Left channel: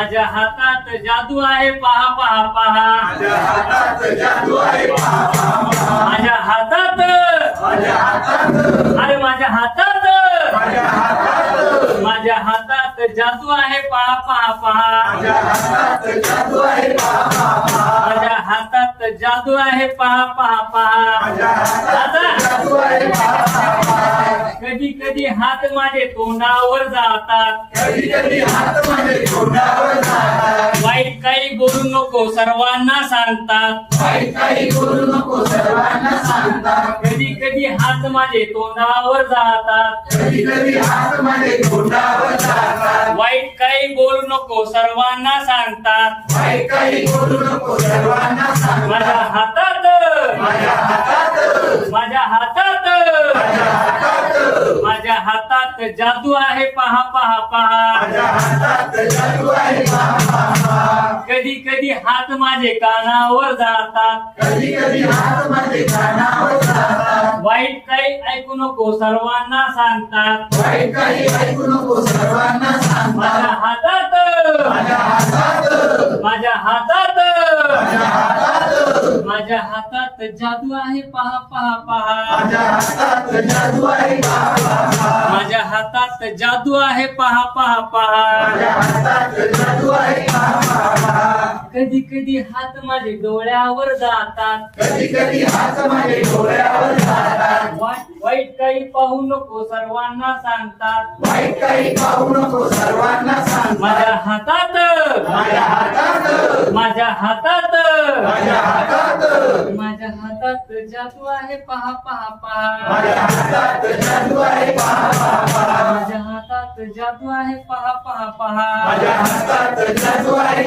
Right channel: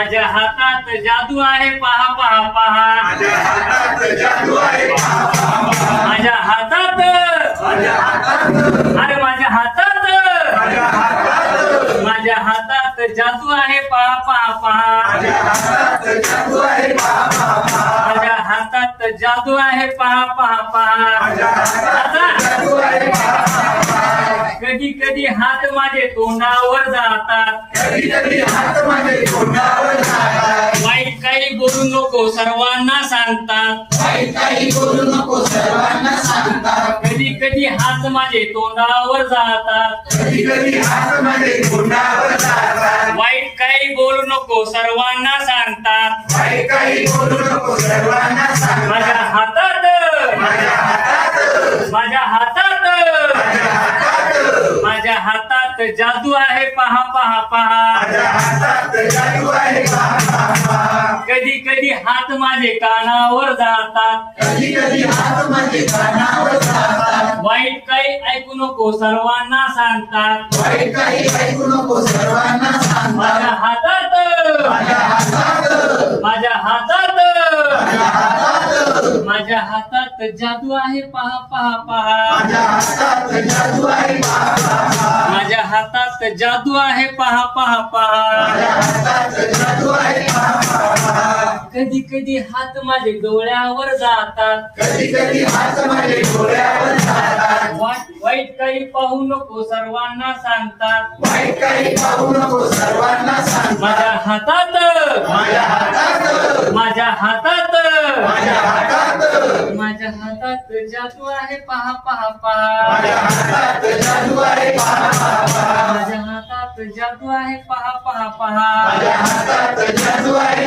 माझ्या हातात जादू आहे पहा पहा पहा. माझ्या हातात जादू आहे पहा पहा पहा. माझ्या हातात माझ्या हातात अरे माझ्या हातात माझ्या हातात माझ्या हातात जादू आहे पहा पहा पहा. माझ्या हातात जादू आहे पहा पहा पहा. माझ्या हातात जादू आहे पहा पहा पहा. माझ्या हातात जादू आहे पहा पहा पहा. कधी कधी हात माझे तोंडावर जातात. कधी कधी हात माझे तोंडावर जातात. वाईट काही बोलू नको सर्वांना सांगतात. वाईट काही बोलू नको सर्वांना सांगतात. कधी कधी हात माझे तोंडावर जातात. कधी कधी हात माझे तोंडावर जातात. वाईट काही बोलू नको सर्वांना सांगतात. वाईट काही बोलू नको सर्वांना माझ्या सांगतात. हातात माझ्या हातात माझ्या हातात माझ्या हातात माझ्या हातात जादू आहे पहा पहा पहा. माझ्या हातात जादू आहे पहा पहा पहा. कधी कधी हात माझे कानावर जातात. कधी कधी हात माझे कानावर जातात. वाईट काही ऐकू नको सर्वांना सांगतात. वाईट काही ऐकू नको सर्वांना माझ्या सांगतात. हातात माझ्या हातात माझ्या हातात माझ्या हातात माझ्या हातात जादू आहे पहा पहा पहा. माझ्या हातात जादू आहे पहा पहा पहा. माझ्या हातात जादू आहे पहा पहा पहा. माझ्या हातात जादू आहे पहा पहा पहा. कधी कधी हात माझे डोळ्यावर जातात. कधी कधी हात माझे डोळ्यावर जातात. वाईट काही पाहू नको सर्वांना सांगतात. वाईट काही पाहू नको सर्वांना सांगतात. माझ्या हातात माझ्या हातात माझ्या हातात माझ्या हातात माझ्या हातात जादू आहे पहा पहा पहा. माझ्या हातात जादू आहे पहा पहा पहा. माझ्या हातात जादू आहे पहा पहा पहा. माझ्या हातात जादू आहे